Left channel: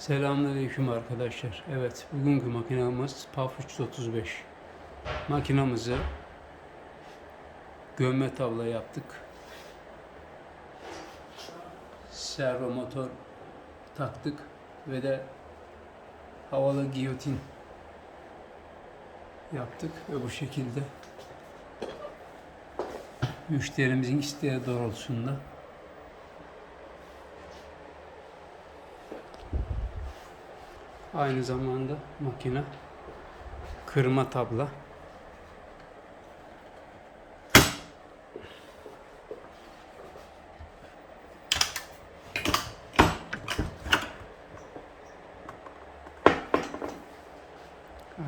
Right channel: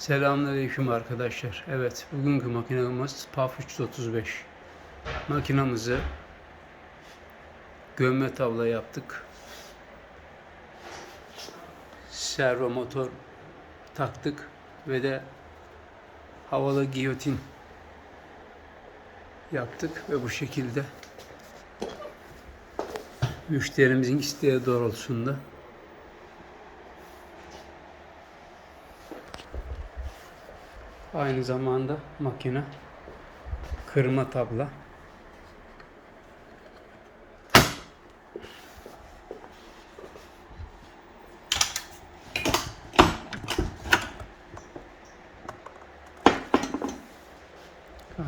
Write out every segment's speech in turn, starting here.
Selamünaleyküm arkadaşlar. Evet, bugünkü makinamız PAF 335. Makinamızı gömme tavla yaptık. Servo motor taktık ve de havalı giyotin yaptık ve bu şekilde müşterimizin isteği doğrultusunda Aynı zamanda makine kırma tabla.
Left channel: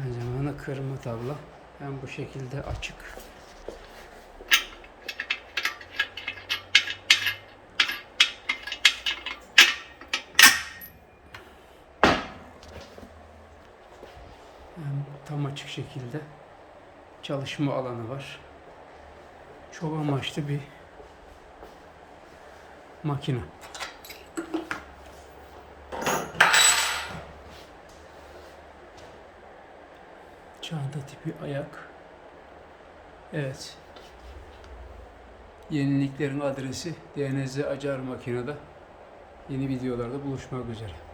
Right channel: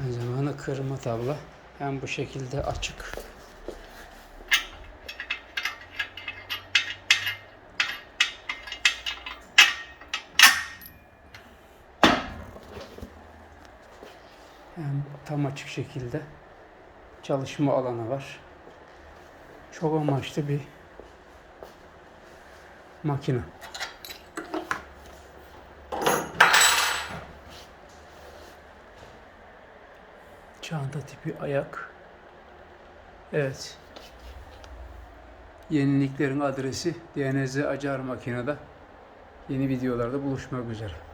Aynı zamanda kırma tabla. Hem bu şekilde açık. Hem tam açık şekilde çalışma alanı var. Çok amaçlı bir makine. Çanta tipi ayak. Evet. Yeniliklerin adresi DNZ Acar Makinede. Yeni videolarda buluşmak üzere.